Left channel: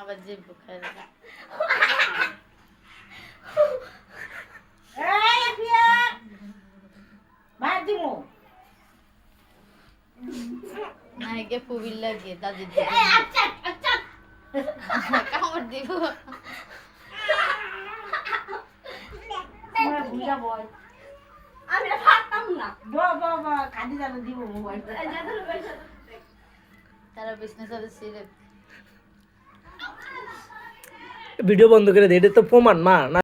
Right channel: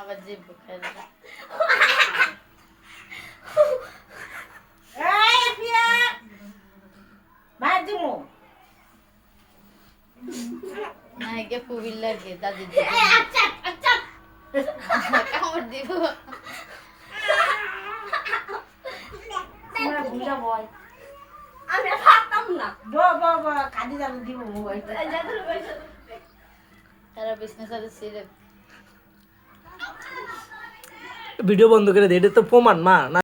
আবার জিভ খাই নাইকে ফুবিল লাগে দাদি কামড় দিব আমি থাকতাম না কাঁদি জানি দিব মোবাইল তারা বিজনেস আছে সিরে ভিডিও বন্ধ করে দে, এটা তো প্রমাণ মা।